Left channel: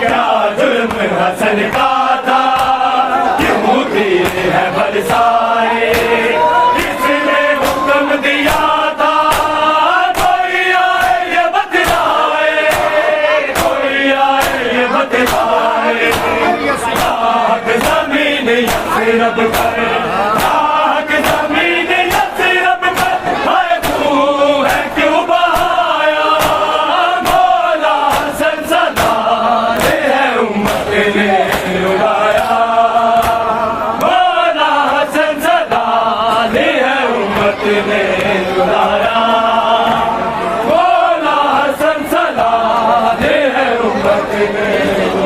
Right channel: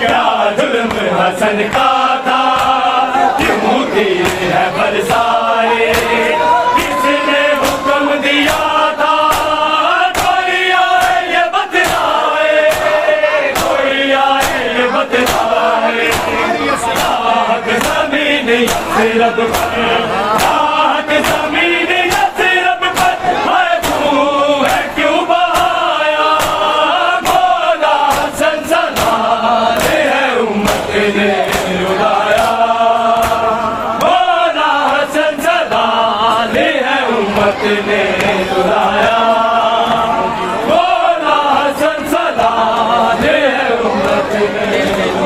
क्या जुल्म हसन का था, क्यों तीर है बरसाए, किसने हुक्म दिया था, कोई आए ये बतलाए, कोई आए ये बतलाए। आग ज़मीन यस्रब पर, आग ज़मीन यस्रब पर, हाय खून है क्यों बहाया, मौला हसन सलाले है उम्मत ने रुलाया, मौला हसन सलाले है उम्मत ने रुलाया, मौला हसन सलाले है उम्मत ने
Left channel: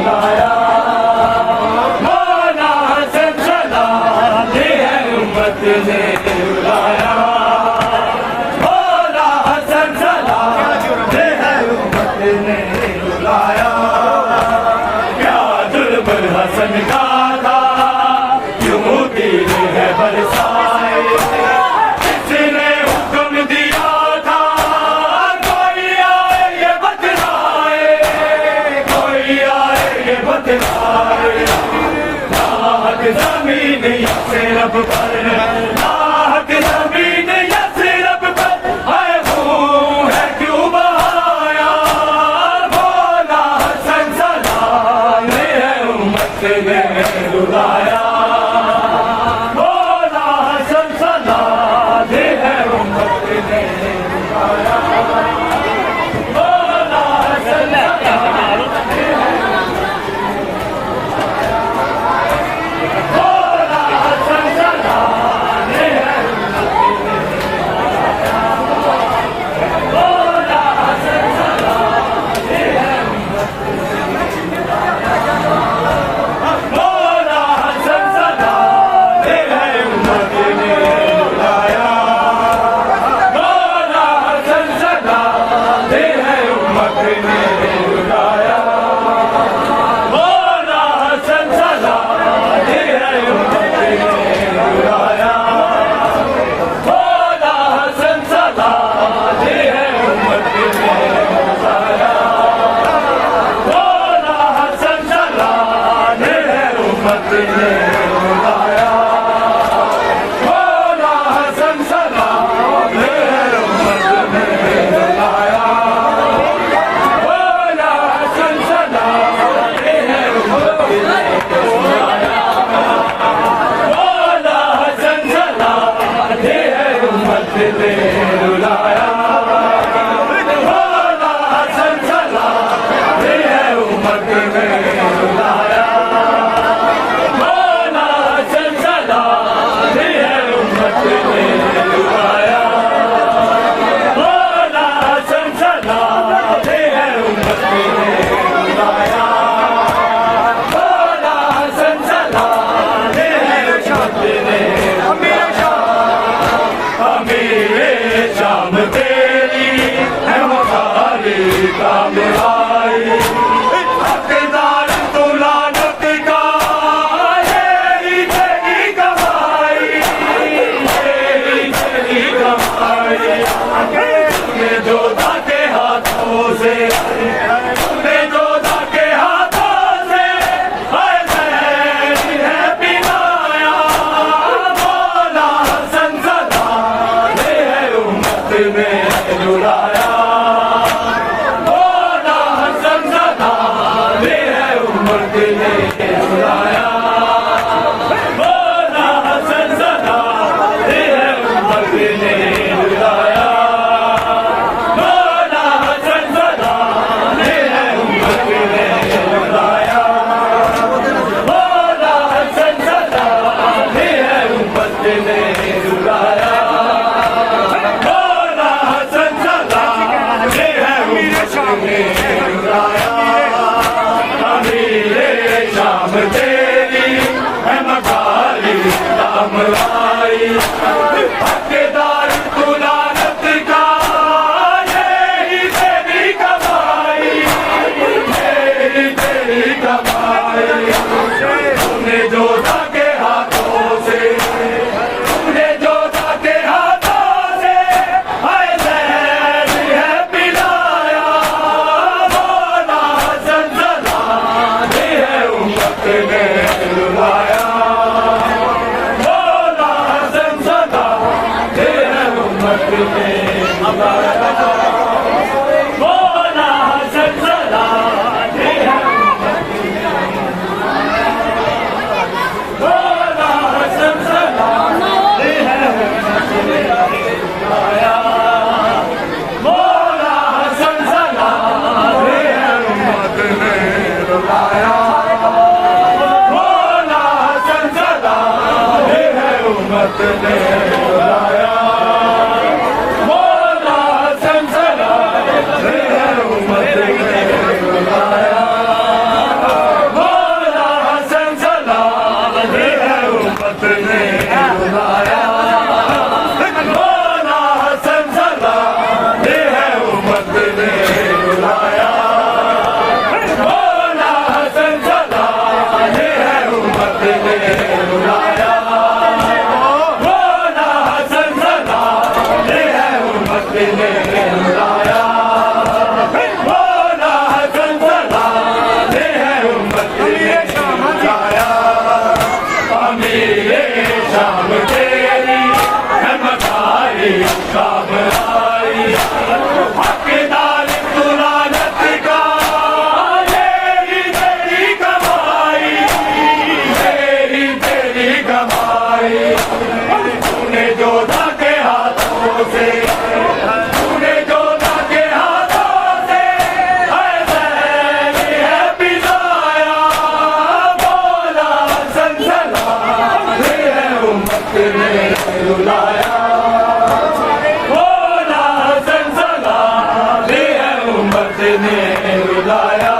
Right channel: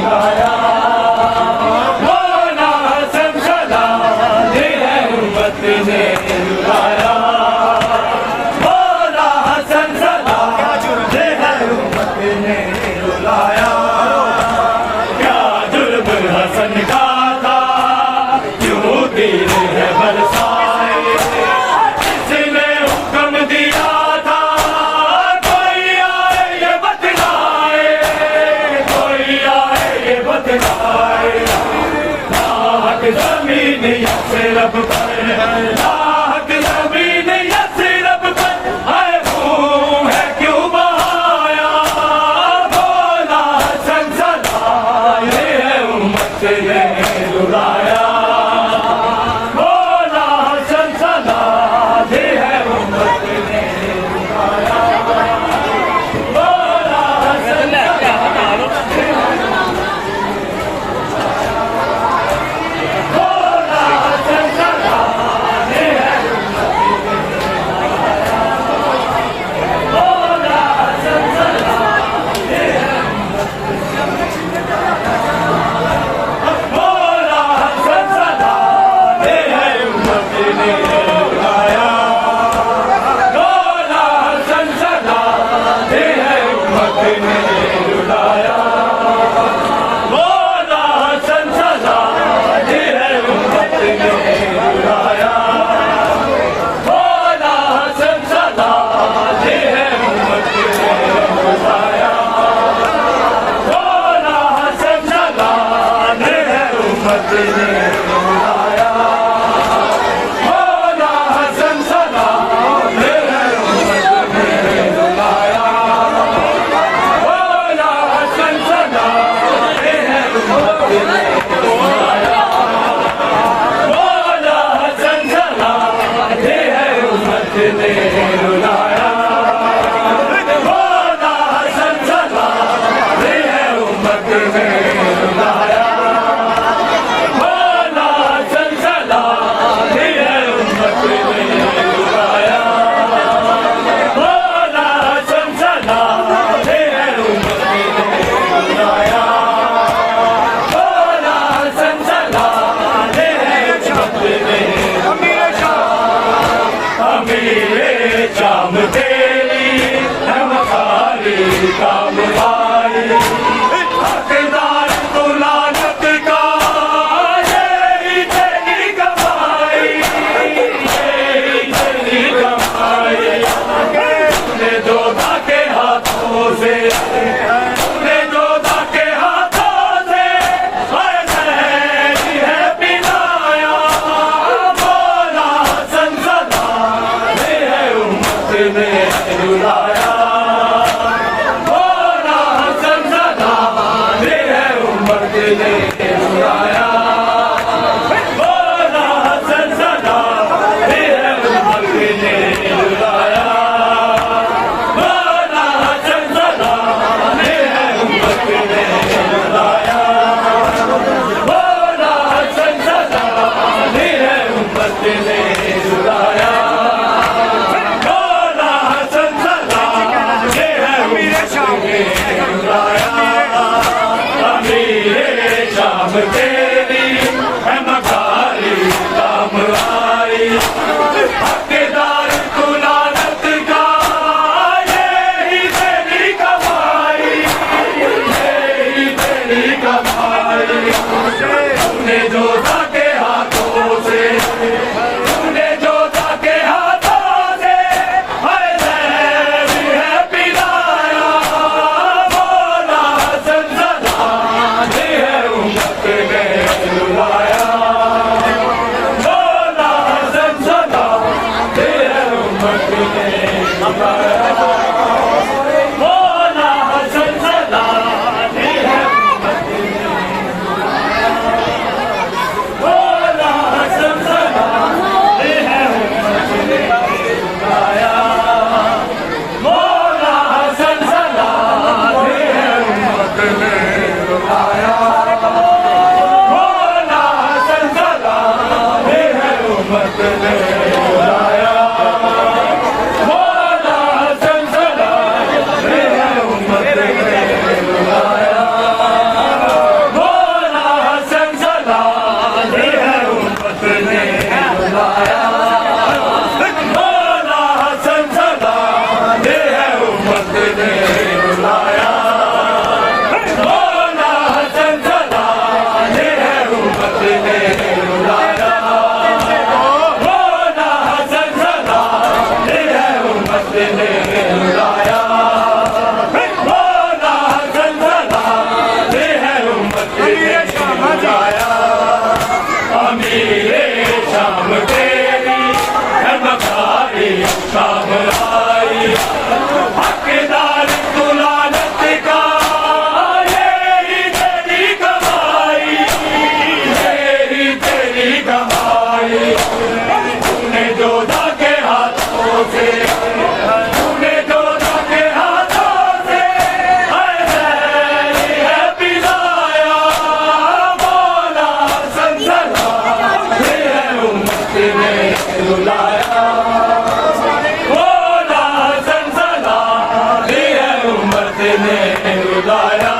रुलाया, मौला हसन सलाले है उम्मत ने रुलाया, मौला हसन सलाले है उम्मत ने रुलाया। क्या जुल्म हसन का था, क्यों तीर है बरसाए, किसने हुक्म दिया था, कोई आए ये बतलाए, कोई आए ये बतलाए। लाख ज़मीन यस्रब पर, लाख ज़मीन यस्रब पर, हाय खून है क्यों बहाया, मौला हसन सलाले है उम्मत ने रुलाया, मौला हसन सलाले है उम्मत ने रुलाया, मौला हसन सलाले है, मौला हसन सलाले है उम्मत ने रुलाया, मौला हसन सलाले है उम्मत ने रुलाया, मौला हसन सलाले है उम्मत ने रुलाया, मौला हसन सलाले है उम्मत ने रुलाया, मौला हसन सलाले है उम्मत ने रुलाया, मौला हसन सलाले है उम्मत ने रुलाया, मौला हसन सलाले है उम्मत ने रुलाया, मौला हसन सलाले है उम्मत ने रुलाया, मौला हसन सलाले है उम्मत ने रुलाया, मौला हसन सलाले है उम्मत ने रुलाया, मौला हसन सलाले है उम्मत ने रुलाया, मौला हसन सलाले है उम्मत ने रुलाया, मौला हसन सलाले है उम्मत ने रुलाया, मौला हसन सलाले है उम्मत ने रुलाया, अमीर शाम तेरी है मकारी काम आई हकदार तू लानत का तेरी तेरी कमाई तेरी कमाई तूने जोधा के हाथों से तूने जोधा के हाथों से है पिलाया बोला संसदा ने है उम्मत ने जुलाया बोला संसदा ने है उम्मत ने जुलाया बोला संसदा ने है उम्मत ने जुलाया शाम तेरी है मकारी काम आई हकदार तू लानत का यही तेरी कमाई यही तेरी कमाई तूने जोधा के हाथों से तूने जोधा के हाथों से है पिलाया बोला संसदा ने है उम्मत ने रुलाया बोला संसदा ने है उम्मत ने रुलाया बोला संसदा ने है उम्मत ने बोला संसदा ने है उम्मत ने रुलाया बोला संसदा ने है उम्मत ने रुलाया बोला संसदा ने है उम्मत ने रुलाया बोला संसदा ने है उम्मत ने रुलाया बोला संसदा ने है उम्मत ने रुलाया बोला संसदा ने है उम्मत ने रुलाया बोला संसदा ने है उम्मत ने रुलाया बोला संसदा ने है उम्मत ने रुलाया बोला संसदा ने है उम्मत ने रुलाया अमीरे शाम तेरी है मकारी काम आई हकदार तू लानत का यही तेरी कमाई यही तेरी कमाई तूने जोधा के हाथों से तूने जोधा के हाथों से है पिलाया बोला संसदा ने है उम्मत ने रुलाया बोला संसदा ने है उम्मत ने रुलाया